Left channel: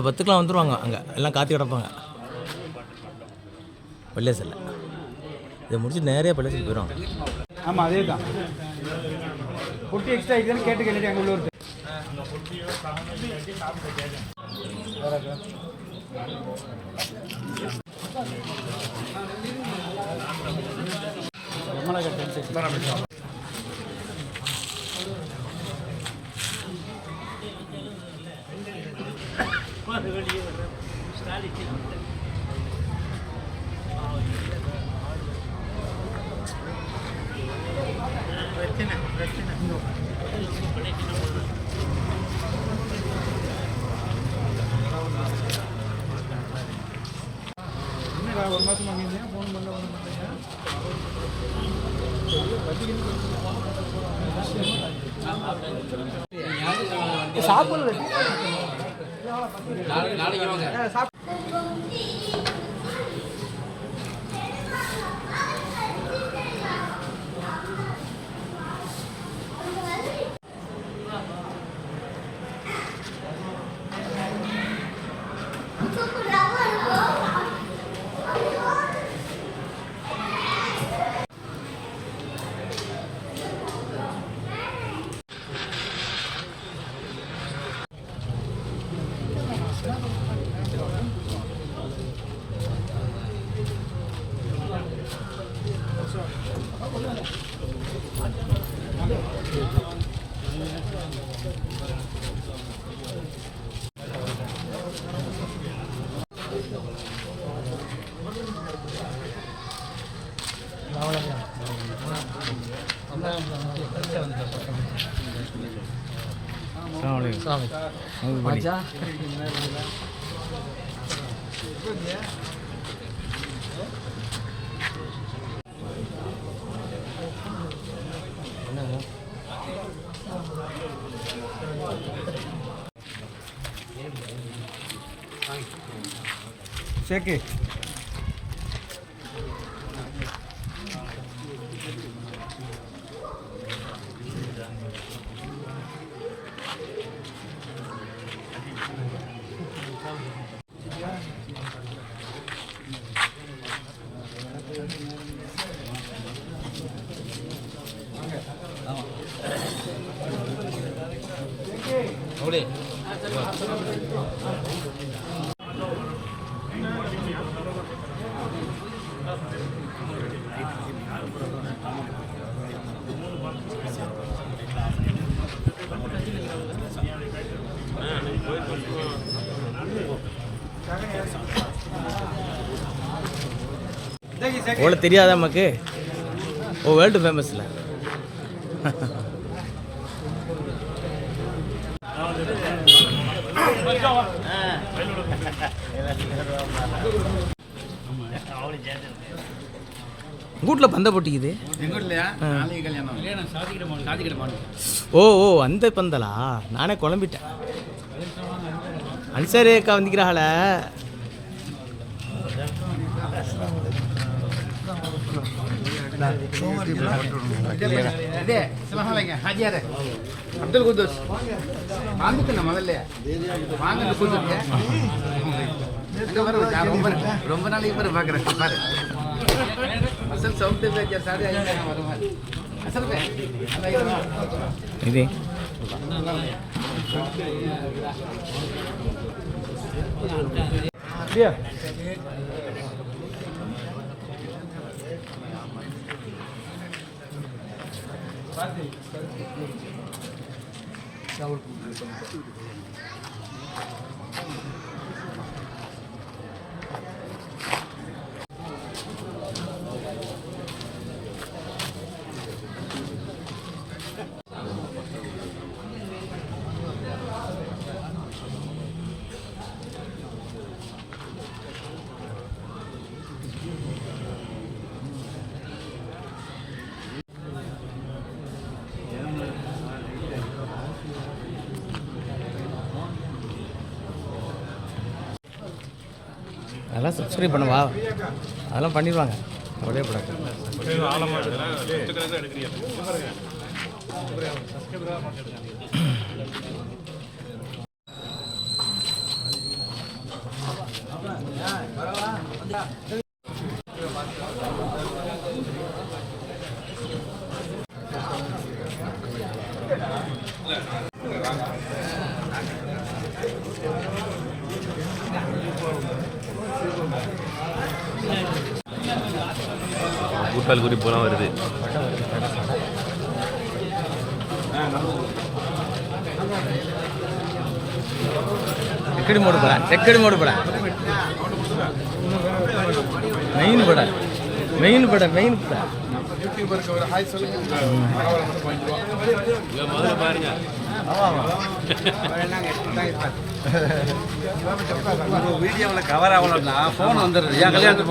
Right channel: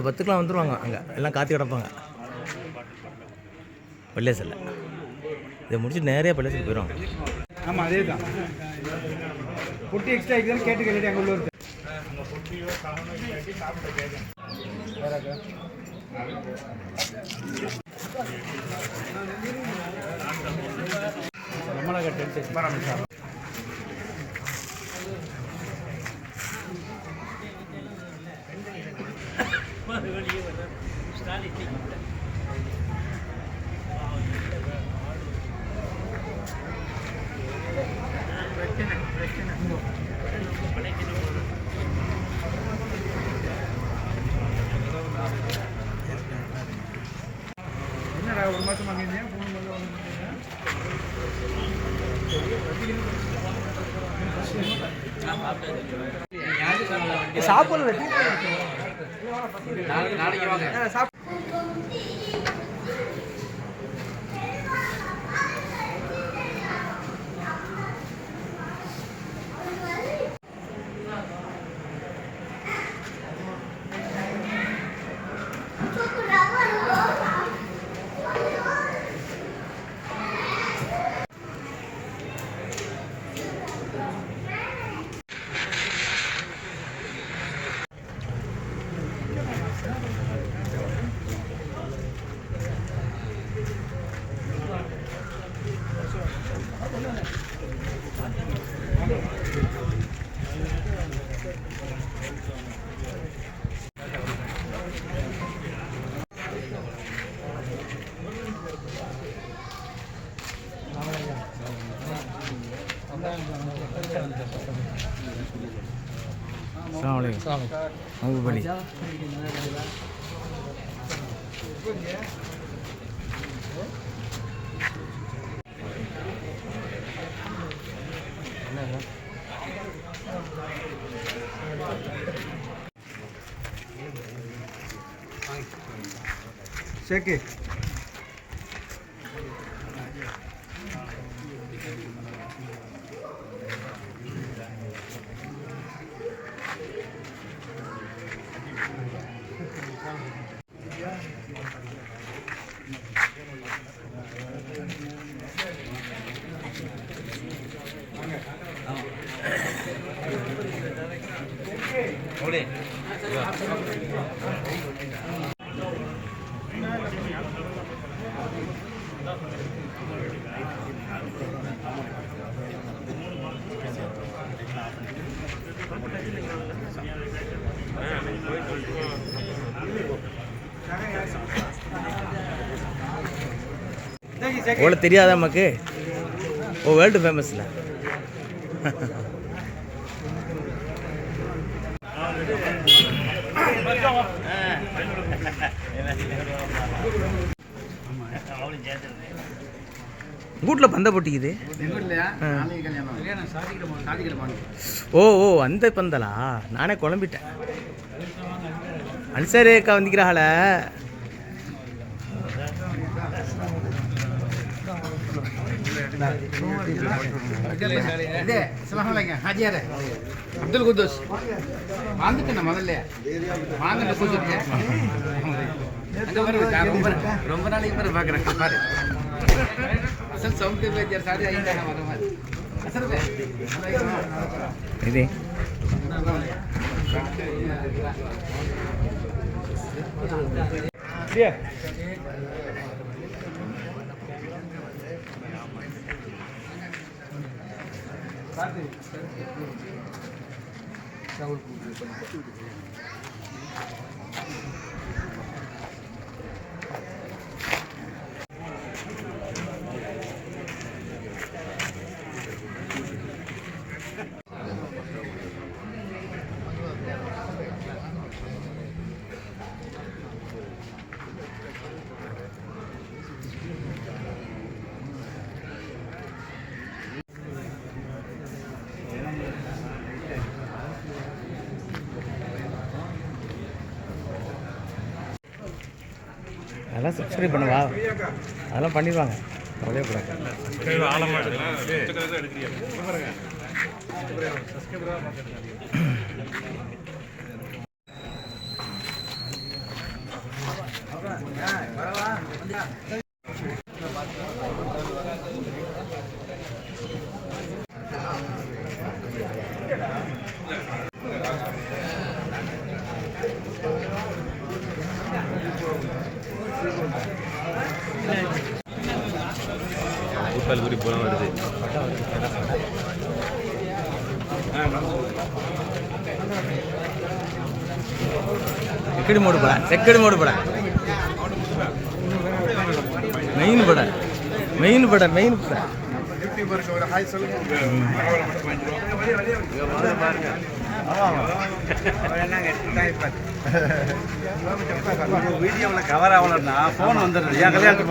இல்லை பத்துக்கெலாம் வந்துடுவாங்க அங்கே. எல்லாம் காத்து கிடப்பாங்க. பள்ளியாசல்ல இதை முடிச்சு நேரே பள்ளியாசல் போயிடும் ஆமாம் அதே தான் புட்டி எக்ஸ்ட்ரா இருக்குதுன்னு கேட்டு கேட்டு அங்கே உள்ளூர் என்னடா ஒரு மாதம் வாங்கியிருந்தேன் ஃபோன் பண்ணல ஒன்று சாப்பிடல ಸ್ವಾಮಿ ಹೌದು ಬನ್ನಿ ಶೇಖಿ அவ்வளோ தெரியாதா நமக்கு? ஓ வேர்ல்டு ஃபேமஸில் கூட்டில் பந்த போட்டிக்குது? ஓ ஓ அந்த பந்தலா? நானே குழம்பிட்டேன். அன்சாரி அக்கா முதல் குத்தோஸ் வாங்கிட்டு முதல்ல வாங்கிட்டு குத்துருக்கேன் ரொம்ப நாளைக்கு பிறகு பார்க்குறேன் பாரு அசல் சவுண்ட் Yeah. चावल அதெல்லாம் சப்ஸ்கிரைப் பண்ணுவா. அதெல்லாம் பண்ணிடுவாங்க கவலையே படாது கூட்டால் படம் மெயின் படம் மெயின் படம் யூடியூபருக்கு ஒரு ஹாய் சொல்லுங்க வீடியோவில் கவர் ஆகலன்னா ஃபோன் வந்துடுது என் கல்யாணத்துக்கு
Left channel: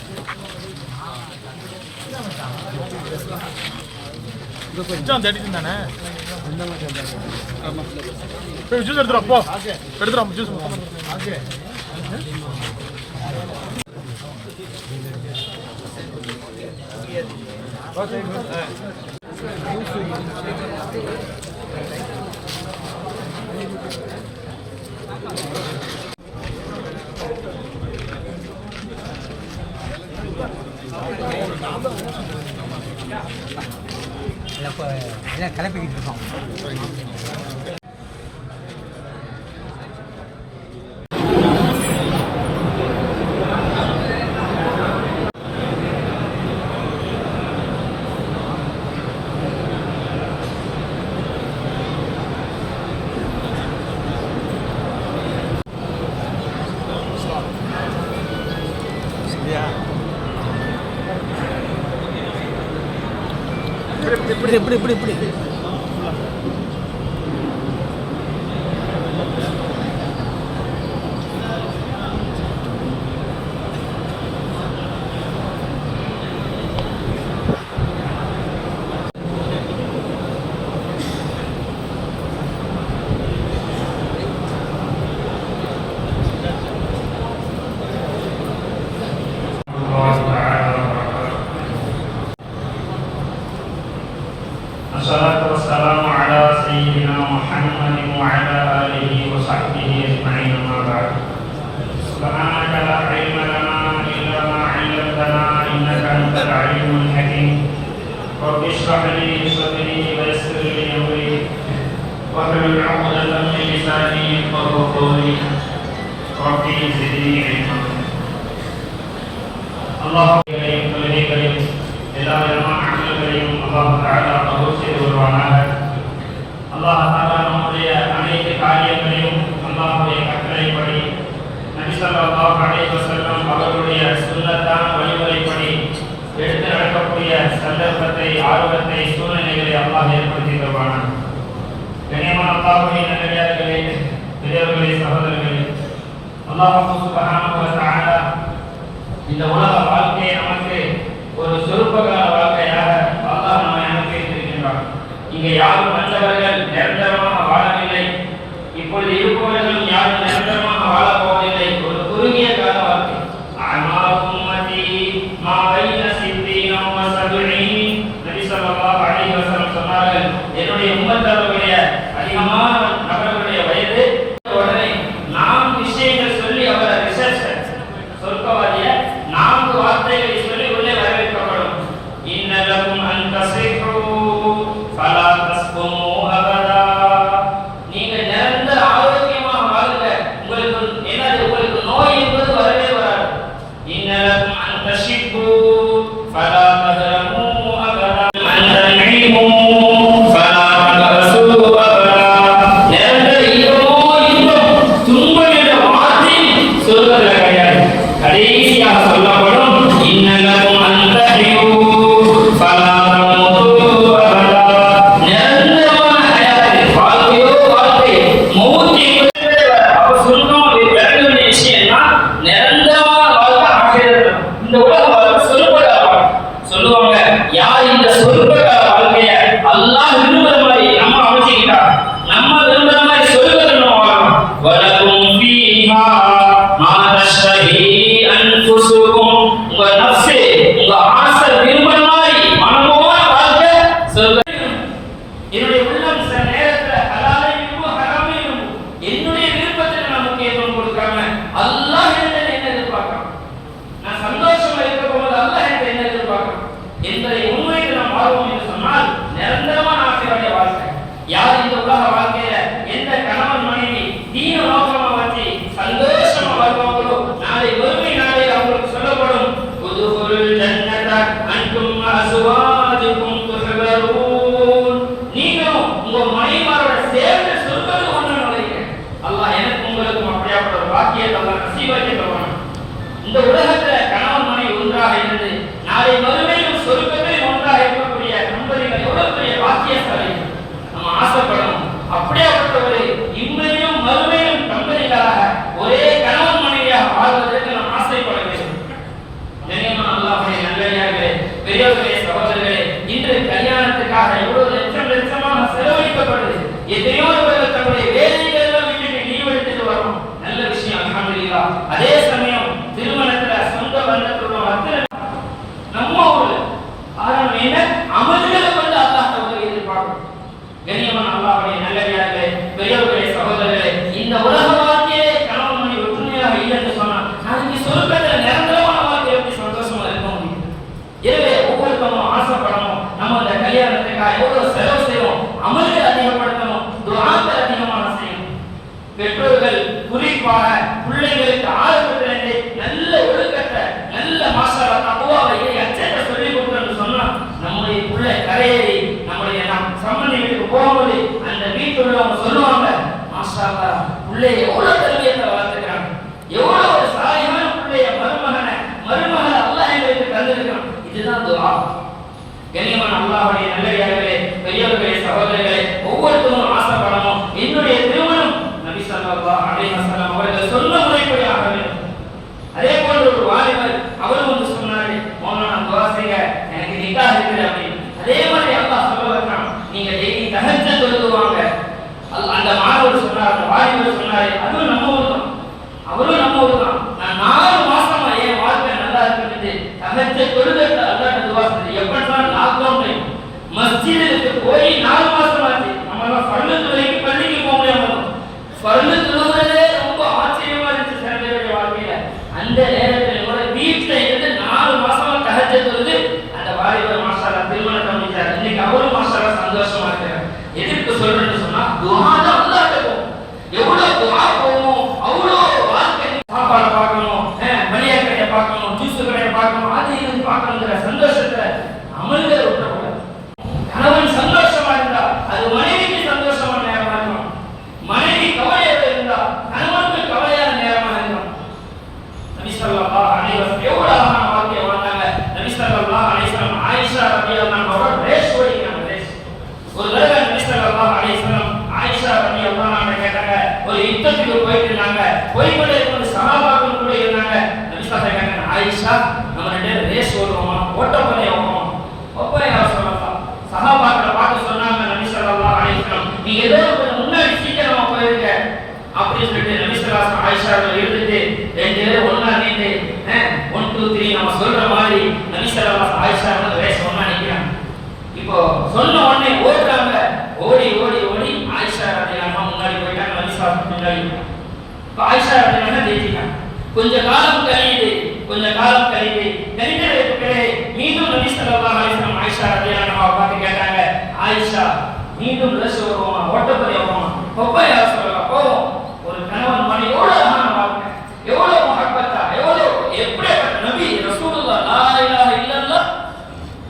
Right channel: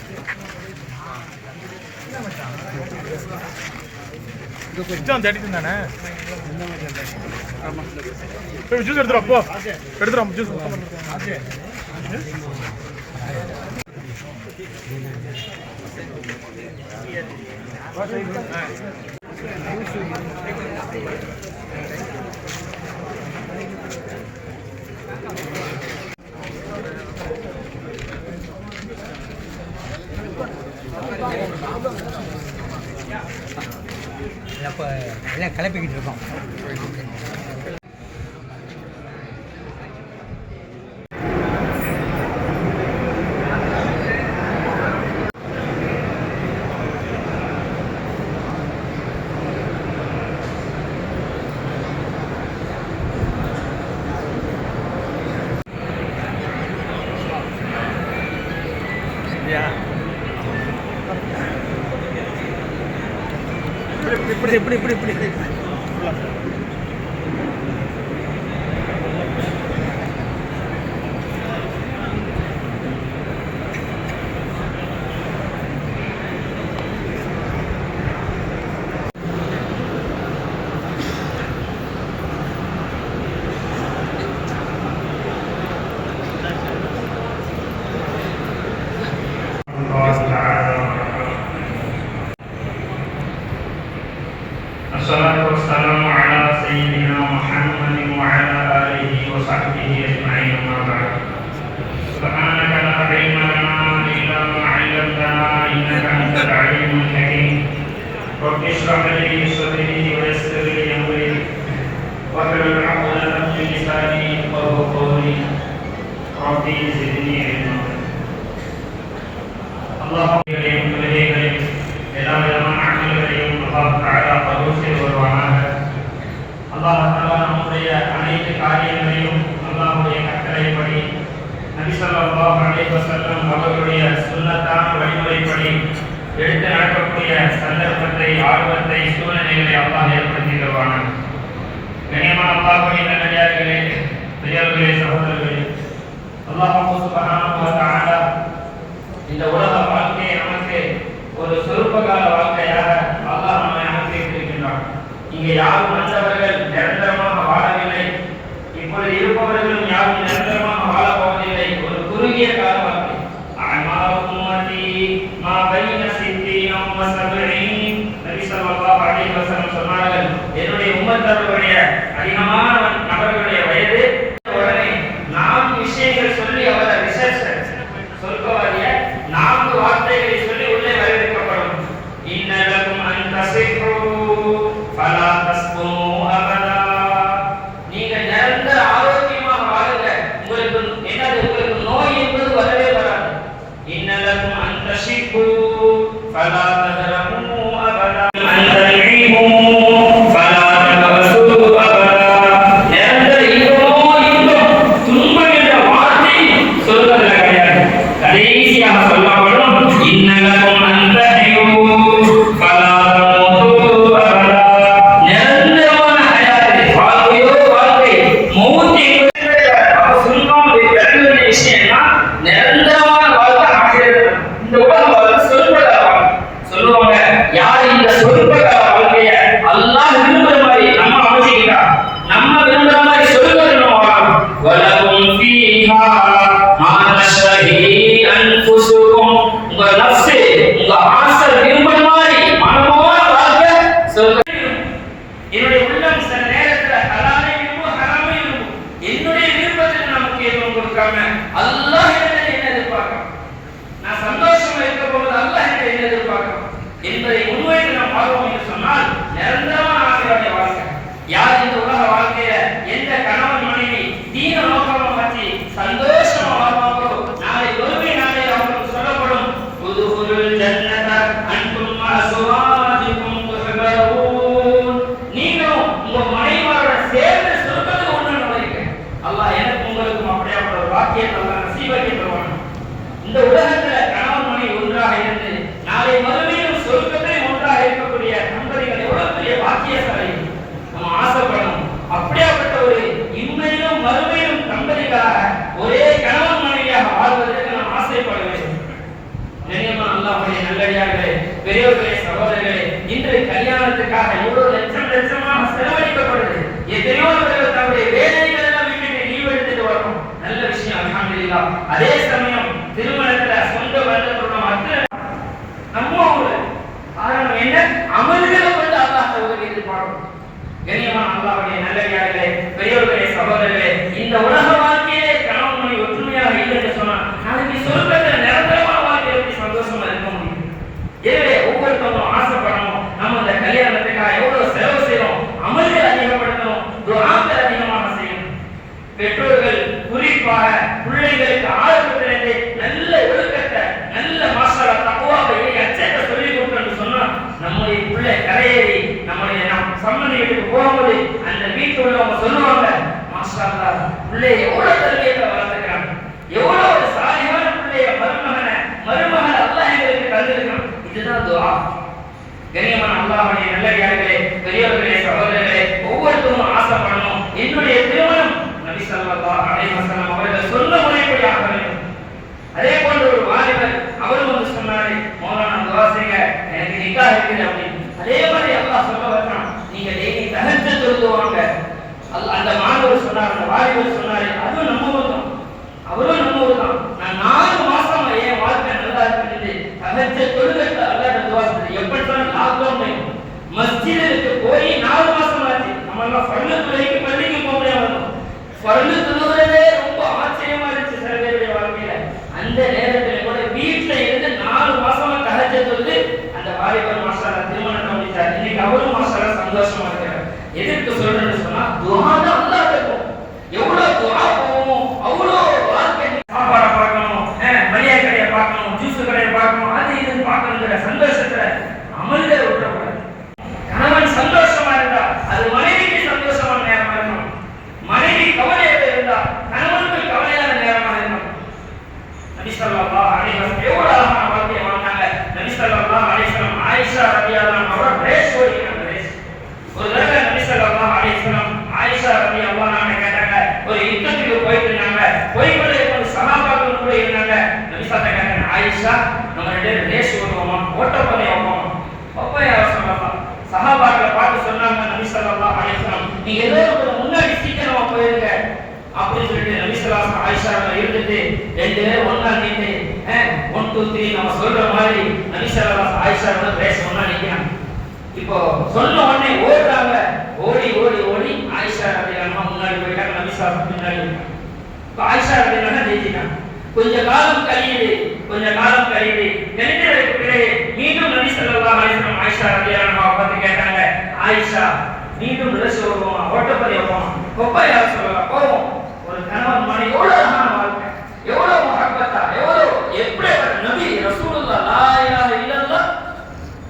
எக்ஸாம் தேடிட்டு தானே? போய் ஜூஸ் எடுத்துடா போ. எடுத்துடா ஜூஸ் எல்லாம் கிளப்பிக்கிட்டு இருக்கோம். இப்படி இப்படி இப்படி இப்படி. وصحبه أجمعين أما بعد سبحانك لا علم لنا إلا ما علمتنا إنك أنت العليم الحكيم رب اشرح لي صدري ويسر لي أمري واحلل عقدة من لساني وهو قولي ربي زدني علما اللهم إليك إليك إلى ما علم الله تعالى قبول ومعناها கண்ணியமான நல்லடியார்களே பெரியவர்களே சகோதரர்களே அல்லாஹ் சுப்ஹானஹு தஆலா இந்த உலக வாழ்க்கையை நமக்கு ஒரு சொற்பகால வாழ்க்கையாக அல்லாஹ் நம்மை அமைத்திருக்கின்றான் இங்கே யாரும் மற்றவர்கள் வைக்கப் போவது அல்ல என்று என்ன எதிர்பார்க்கிறோம்? என்பதை உண்மைக்கு நாம் வாழ்வோம் என்று சொன்னால் நிரந்தரமான ஆசீர்வாதத்தை வாழ்க்கை. யார் பெரியவர்களே சகோதரர்களே இன்று கல்யாணத்துக்காக எவ்வளவு லட்சம் லட்சமாக செலவழிக்கப்படுது. எத்தனையோ தன்னுடைய வேலைகள் எல்லாம் விட்டுட்டு வரும் நல்ல விஷயம் அல்ஹம்துலில்லா. அதே சமயம் திருமணத்துல சொந்த வந்த குடும்பம் நம்ம ஊர்ல. காரணம் என்ன? அமல் கொஞ்ச காலம் கழியுது கொஞ்ச காலம் கழியுது. கழிக்கிற வைப்புகளே மீண்டும் நபி சல்லா அலிஸ்லாம் ஆயிஷா ரலியான பார்த்து கேட்டாங்க ஆயிஷா மீண்டும் ரசு வருவோமா ஓட்டப்படி வருவோமா கொப்பையா சொல்லலாம் போவோம் ஒரு கணவன் மனை எவ்வளவு அழகான வாழ்க்கை எவ்வளோ மகப்பத்தா எவ்வளோ எப்படி நபி ரசூலுல்லா லா இலாஹ இல்லல்லா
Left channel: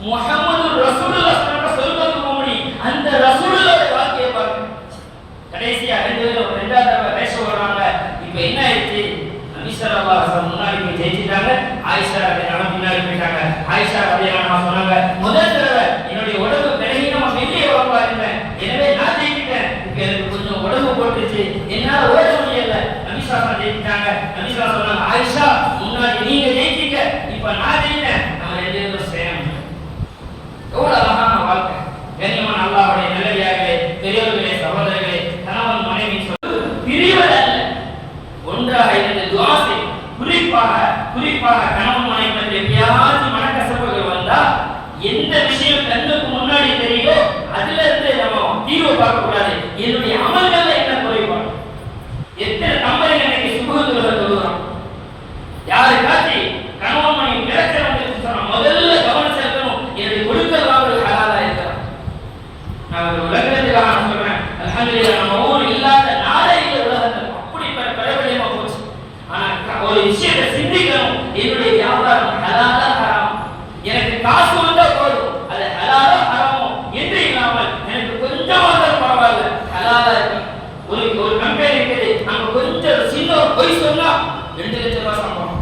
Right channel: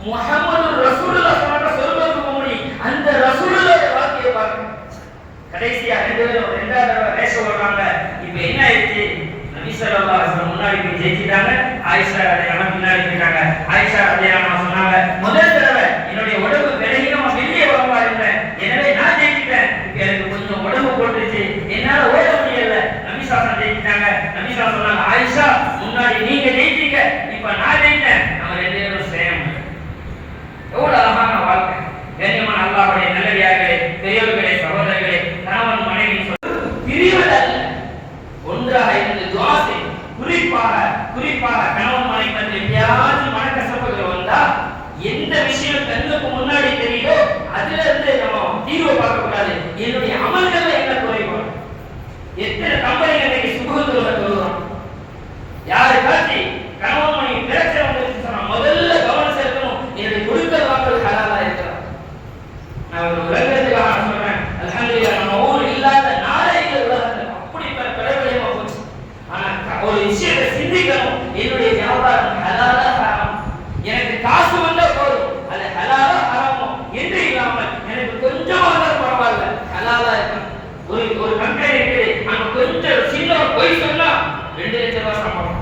முஹம்மது ரசூலுல்லா சொன்ன சொல்லுவது மோடி அந்த ரசூலுல்லா வாழ்க்கையை பாருங்க. கடைசியா ரெண்டு பேரும் ஆயிஷா ரலியல்லாஹு முன்னாடி போயிட்டாங்க ஆயிஷா ரலியல்லாஹு சொன்னாங்க முதல் தடவை என்னுடைய உடம்பு விலகினோம் வெளியே வரவா இருந்தேன் எனவே நான் ஜெயிக்கிட்டேன் எனக்கு கொஞ்சம் உடம்பு போட்டுச்சு என்னால ஓட முடியல. நபிசாசன் ஜெயிக்கிட்டாங்க நபிசாசன் சொன்னாங்க ஆயிஷா முன்னாடி நீங்க ஜெயிச்சீங்க. இப்ப நான் ஜெயிக்க நம்ம தீர்வு பார்க்க கூடாது என்னுடைய அமல்கள்ல என்ன குறைபாடு எத்தனை கம்பெனிகள் இன்னைக்கு சுபகுத்துல தொழுகிறோம் யாருக்காச்சு கணவன் மணி பிரச்சனை வந்துருச்சு சொன்னா முதல்ல கவனம் செலுத்தணும் என்னுடைய கொடுக்கல் வாங்கல் ஹலாலா இருக்கிறான் நான் ஒரு உலகத்துக்காக நான் சொல்றேன் அல்ஹம்துலில்லாஹ் நம்ம ஊர் இல்லாத நாடே இல்லை உலகத்தில் அப்படி பல பிரபலமா போச்சு ஆனா க- ஒரு விஷயத்தை சிந்திக்கணும் என்னுடைய வியாபாரம் ஹலாலா ஹராம் எனக்கு காசு வந்தா போதும் அது ஹலாலா ஹராமோ என்று இல்லாமல் எனக்கு கொஞ்சம் வந்தால் பரவாயில்ல ஹலாலா இருக்கணும் ஒரு ஒரு கம்பெனி இருக்குது அங்க கொஞ்சம் சின்ன ஒரு பொய் சொன்னா ரெண்டு லட்சம் ரூபாய் சம்பளம்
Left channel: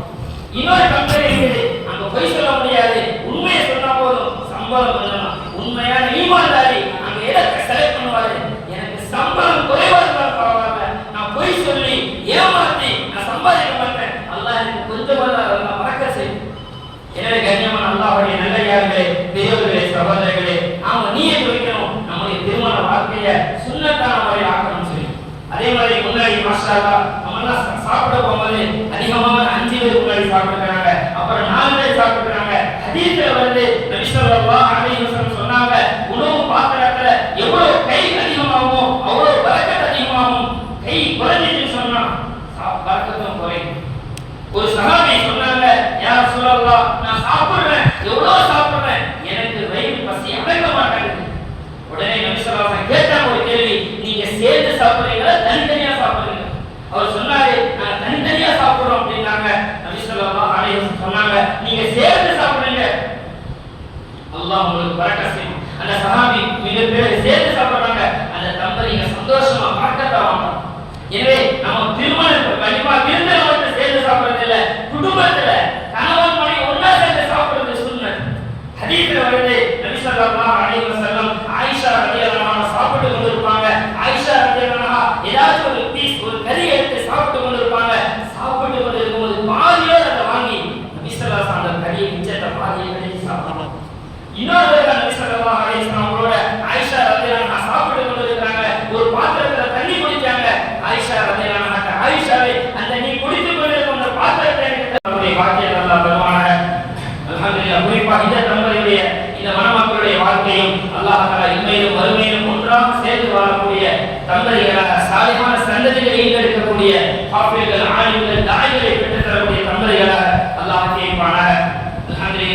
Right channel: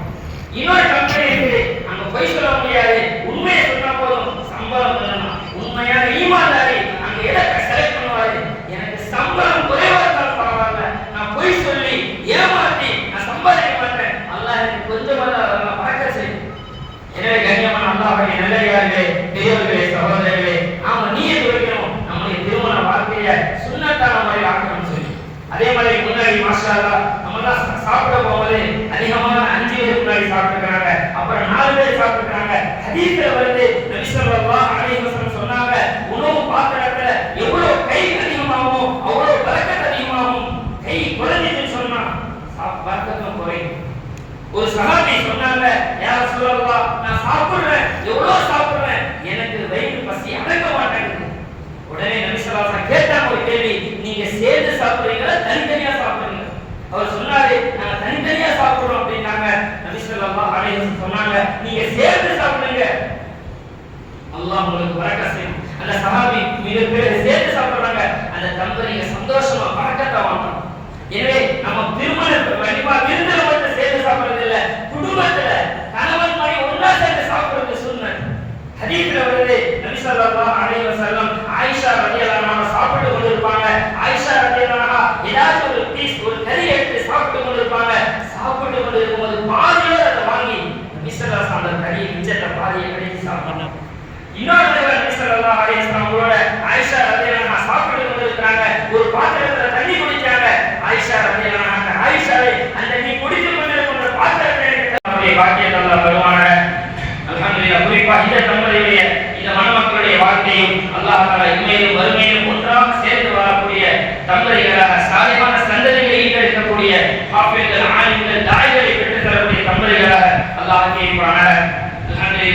இன்னொரு கம்பெனி இருக்குது அங்க பொய் சொல்ல முடியாது உண்மையை சொன்னா போதும் சம்பளம் பண்ணணும் உண்மையான ஈமான்தாரி அங்க எதை செலக்ட் பண்ணுவாரு எனக்கு சம்பளம் குறைவா இருந்தாலும் பரவாயில்ல நான் பொய் சொல்லி ஏமாத்தி நான் சம்பாதிக்க மாட்டேன் அல்லாஹ் எனக்கு கொஞ்சமாக நான் பறக்க செய்யும் எனவே கண்ணியமான அல்லாஹ்வுடைய நல்லையார்களே பெரியவர்களே சகோதரர்களே நாம நீயே குறிக்கணும். நம்முடைய திருமண வாழ்க்கைய சுண்ணத்தான முறையில் ஆக்கணும்னு சொல்லி. அதே மாதிரி முன்னாடி மாஸ்டர் நீங்க சேர்ந்து சாப்பிடுங்க. அல்லாஹ் உங்களுக்கு வரக்க செய்யும். அந்த சஹாபி மிக பேர் சேர்ந்து சாப்பிடுறாங்க.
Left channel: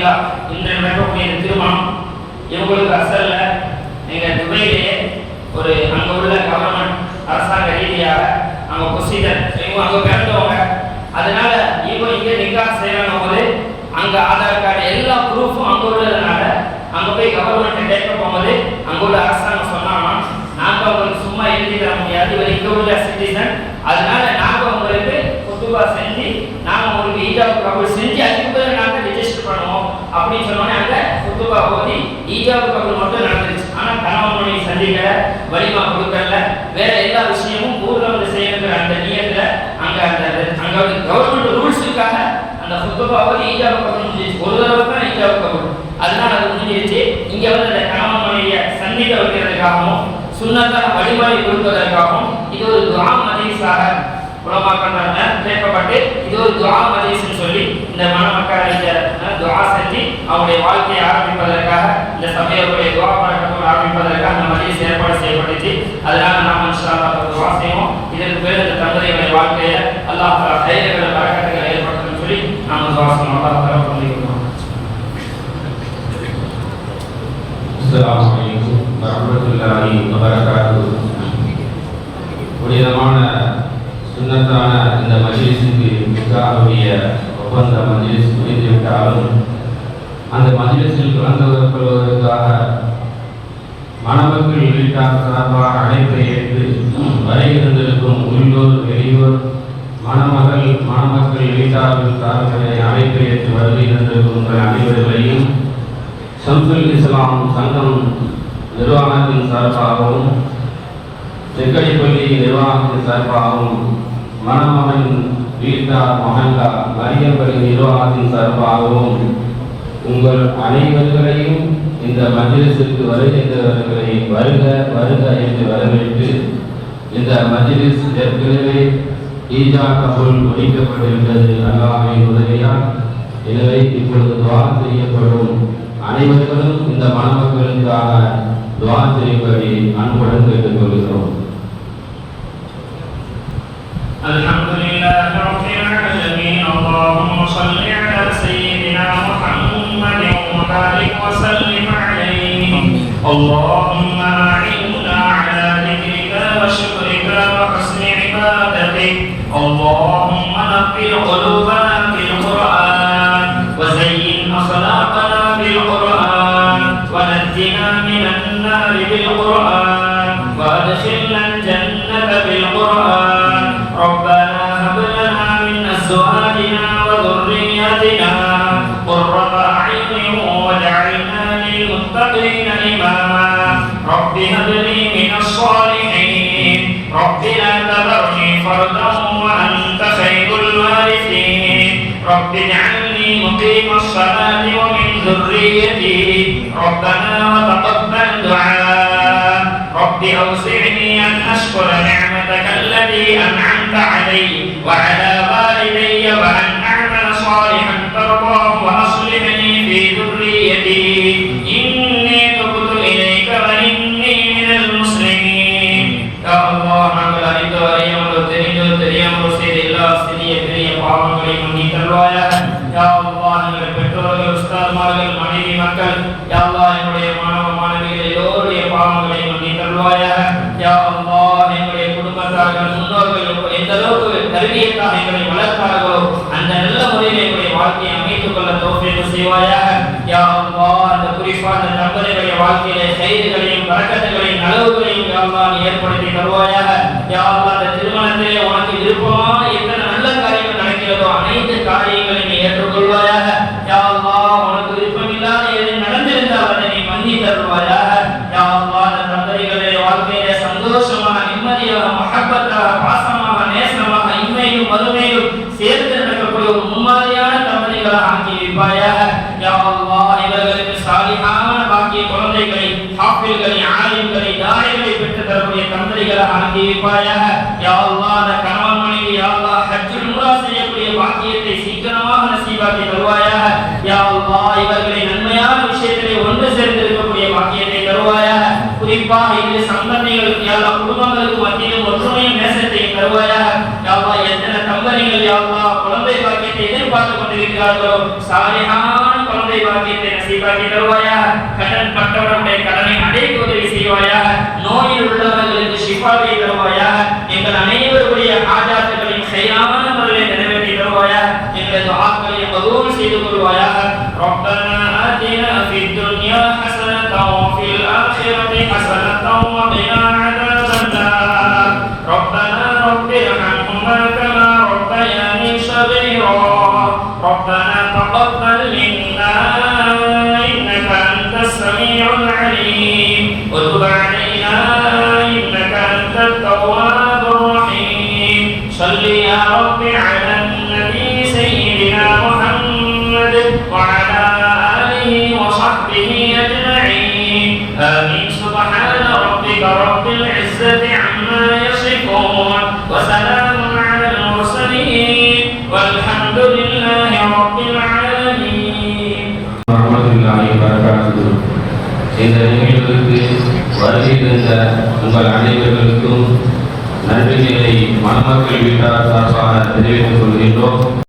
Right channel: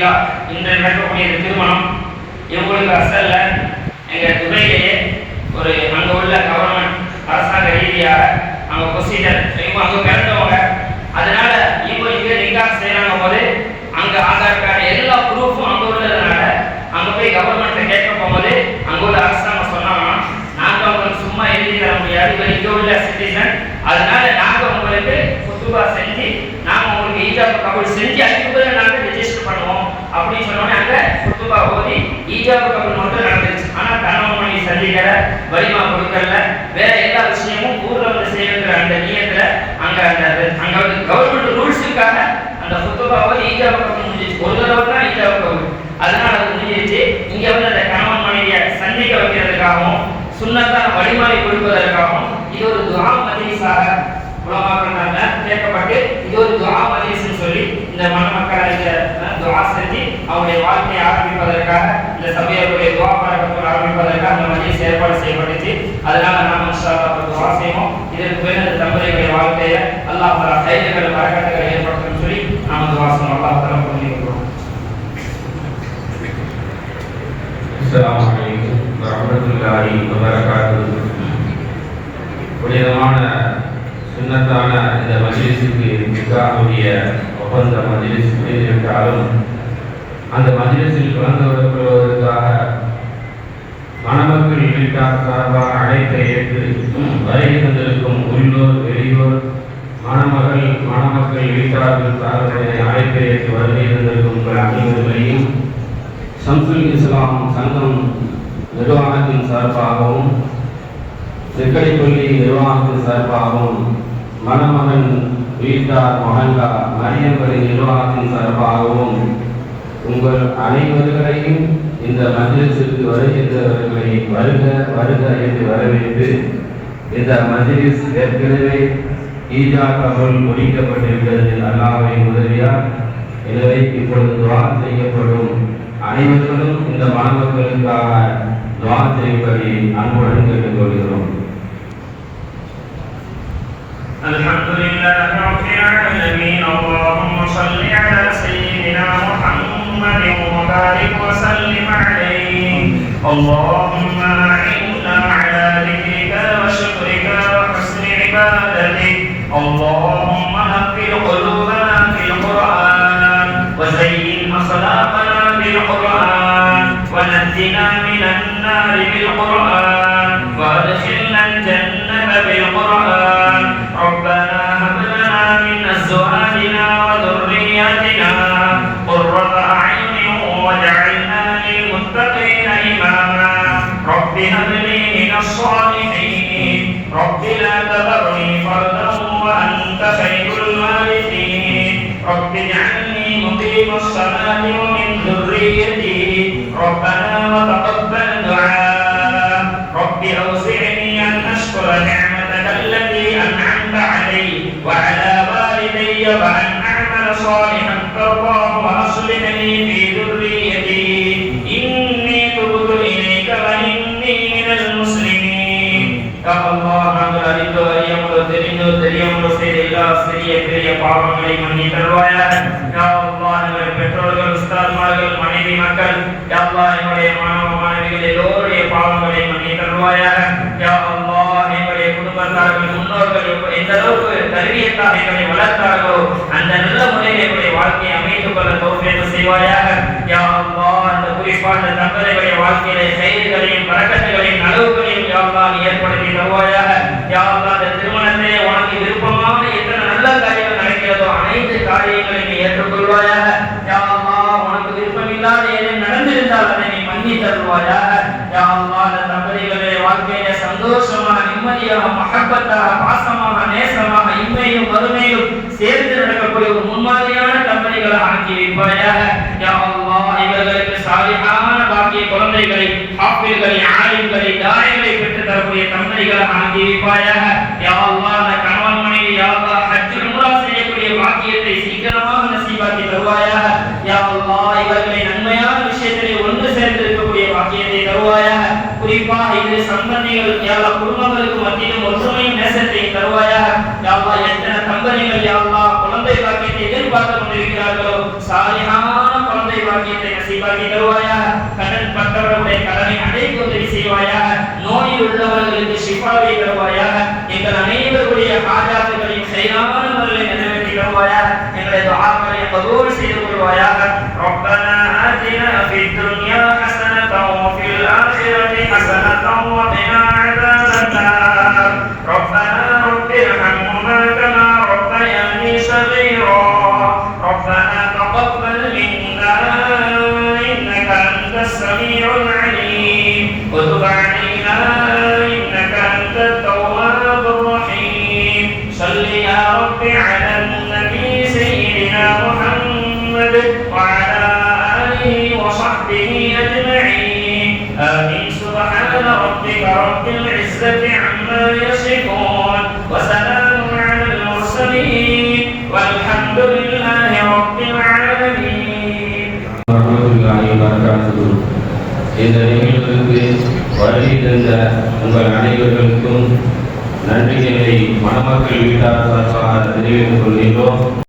அல்ஹம்துலில்லாஹ் இன்று நடக்கக்கூடிய திருமணம் இவங்களுக்கு அசல்ல எங்க துபையிலேயே ஒரு அங்க உள்ள கவர்மெண்ட் அரசாங்க ரீதியாக அவங்க ப்ரொசீஜர் இவங்க அங்க பிறந்தவங்க. அதனால இவங்க இங்க நிக்காஹ் செய்யணும் போது அங்க ஆதார் கார்டு எல்லா ப்ரூஃபும் அங்க உள்ளதுனால அங்க போய் கவர்மெண்ட் கேட்க போகும்போது அங்க உள்ள அரசாங்கம் சொன்னாங்க நாங்க அவங்களுக்கு சும்மா எழுதி தர முடியாது இங்கே இங்க உள்ள சிட்டிசன் அதனால நாங்க உங்களுக்கு குத்துபா செஞ்சு நாங்க உங்களுக்கு ஈஜா கபூல் செஞ்சு அதுக்கு பிறகு நாங்க ரெஜிஸ்டர் பண்ணுவோம் அப்படின்னு சொன்னோன்னே அங்க குத்துபா ஓதி ஈஜாப் கபூல் மட்டும் நடந்துச்சு ஆனால் கணவன் மனைவி சந்திக்கல வலிமா கொடுக்கல. வேற எல்லா விஷயமும் ஊர்ல வந்து செய்யணுங்கிற அந்த நியத்தில் அங்கே அந்த அங்கே வந்து கவர்மெண்ட் ரூல்ஸுக்காக அந்த குத்துபா ஓதி ஈஜாப் கபூல் முடிஞ்சிச்சு ஒரு தடவை தான் ஈஜாப் கபூல் அதனால அது முடிஞ்சிருச்சு. இங்கே வந்து அந்த கணவன் மனைவியை சந்திக்க வைக்கிறதுக்காகவும் சுண்ணத்தான வழிமுறை கொடுப்பதற்காகவும் இது ஒரு துவா மஜ்லிஸாக உலமாக்கள்னால கேட்கப்பட்டு இது ஒரு துவா மஜ்லிஸ்னு சொல்லி இந்த மணமக்கள் இந்த செஞ்சு அவருடைய வாழ்க்கையை ஆரம்பிப்பதற்காக இந்த சபையுடைய துவா பழக்கத்தை ஆரம்பிப்பதற்காக இந்த மஜிஸ் ஏற்பாடு செய்யப்பட்டுச்சு. அதனால நாம் துவா செய்வோம். இதற்கு பிறகு இந்த தம்பதியுடைய வாழ்க்கையை அல்லாஹ் தலா கைதுகளை ஏற்படுத்தும் சொல்லி நாம் துவா செய்வோம். அல்லாஹ் தலா பண்ணிக்கிறோம் அஸ்லாம் வலைக்கும் வரமத்துல்லாஹி வபரகாத்துஹு. புனிதமான சுன்னத்தான இந்த மஜிலிஸுக்கு மிகாவுடைய ஒப்பந்த மஜிலிஸ் முடிந்துவிட்டாலும் அந்த மஜ்லிஸில் கலந்து கொள்வதற்காக மணமக்கள் வீட்டார் சார்பாக அழைப்பை ஏற்று வரையிருந்திருக்கும் உள்ளூர் வெளியூர் மணமகள் மணமக்கள் வீட்டார்கள் சார்பாக அழைப்பை ஏற்று வருகை உங்கள் அனைவர்களையும் சம்சுல் இஸ்லாம் சங்கம் நிர்வாகத்தின் சார்பாகவும் செக்கடிப்பள்ளி நிர்வாகத்தின் சார்பாகவும் மணமகன் வீட்டார் மகன்கா மரியம்பள்ளி நிர்வாகத்தின் சார்பாகவும் உங்கள் அனைவர்களையும் இந்த மஜ்லிஸுக்கு வருகின்றவர்களை வருக வருக என்று வரவேற்று இந்த மஜ்லிஸ் ஏற்கனவே ஈஜா கபூல் முடிக்கப்பட்டுவிட்டது அல்லாஹ்வின் உதவியால் எனவே இப்பொழுது துவா செய்யப்படும் அனைவர்களும் இந்த மணமக்களுக்காக துவா செய்யும்படி அன்புடன் கேட்டுக்கொள்கிறோம் الحمد لله رب العالمين اللهم صل على سيدنا محمد وبارك وسلم عليه اللهم أعنا ربنا وتقبل دعاء رب أوزعني أن أشكر نعمتك التي أنعمت علي وعلى والدي وأن أعمل صالحا ترضاه وأصلح لي في ذريتي إني تبت إليك وإني من المسلمين يا الله رب العالمين يا مرسل الله سريع كريم وعلى من يتلوى அளவுக்கு கல்வியத்தாக எங்களை வளர்த்தார்களோ அந்த நல்ல முறையில் எங்களுடைய வாழ்க்கையை அமைத்துக் கொள்ள தோன்றியது செய்வாயாக. யா அல்லாஹ் அந்த குறிப்பா அந்த தம்பதிகளுடைய வாழ்க்கையிலே செய்திகளையும் வரக்கத்துகளையும் அளவுகளையும் யா ஏற்படுத்தி தருவாயாக. யா அந்த திருமணத்திலே உனக்கு விருப்பமான எத்தனை நல்ல காரியங்கள் நடக்கிறதோ அனைத்து காரியங்களையும் நீ ஏற்றுக்கொள்வாயாக. யா அல்லாஹ் உனக்கு விருப்பமில்லாத எதை நடந்திருந்தால் அதை நீ மன்னி தருவாயாக. யா அந்த தம்பதிகளுடைய வாழ்க்கையிலே சந்தோஷமாக நிம்மதியாக மகப்பத்தாக பாசமாக நேசமாக இம்மையிலும் மறுமையிலும் சேர்ந்து நடக்கக்கூடிய ஒரு முன்மாதிரியான கம்பெனிகளை ஆக்கி வைப்பாயாக. இவர்களுக்கு சாலிஹான பாக்கிய குழந்தைகளை ஹாஃபில்களை ஆலிம்களை தாயங்களை பெற்று தரக்கூடிய கம்பெனிகளை ஆக்கி வைப்பாயாக. யாவா அந்த கணவன் மனைவி யாவா ஹஜ்ஜு ஹஜ் செய்யக்கூடிய பாக்கியத்தை சீக்கிரமாக நசீபாக்கி தருவாயாக. யாவா இவர்களை நன்மையான விஷயத்திலே ஒன்று சேர்ந்து இருக்கக்கூடிய பாக்கியத்தை தருவாயாக. குறிப்பாக இது சம்பந்திகளுக்கு யா குடும்பங்களுக்கு மத்தியிலும் ஒற்றுமையும் நேசத்தையும் தருவாயாக. தம்பதிகள் யா அல்லாஹ் குழந்தை பாக்கியத்தை எதிர்பார்த்து கொண்டிருக்கிறார்களோ சாலிஹான குழந்தை பாக்கியத்தை நசீபாக்கி தருவாயாக கடன் பட்டவர்களுடைய கடனை அடைக்க உதவி செய்வாயாக நோயில் உள்ளவர்களுக்கு ஷிஃபாவை தருவாயாக எங்கள் அனைவருடைய ஆஜாத்துகளையும் சரியான முறையில் நிறைவேற்றி தருவாயாக எங்களது ஆக்களை கபூல் செய்து கொள்வாயாக ربنا آتنا في الدنيا حسنة وفي الآخرة حسنة وقنا عذاب النار ربنا رب ارحمهما كما ربنا تقبل இந்த நிகழ்வுக்கு வருகிறந்த உங்கள் அனைவர்களுக்கும் நன்றிகளை மணமக்கள் வீட்டார் சார்பாக தெரிவித்துக் கொள்கின்றோம்.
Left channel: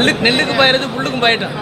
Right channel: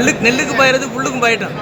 நெல்லுக்கு நெல்லுக்கு பாயிறது புல்லுக்கும் பாயிட்டோம்.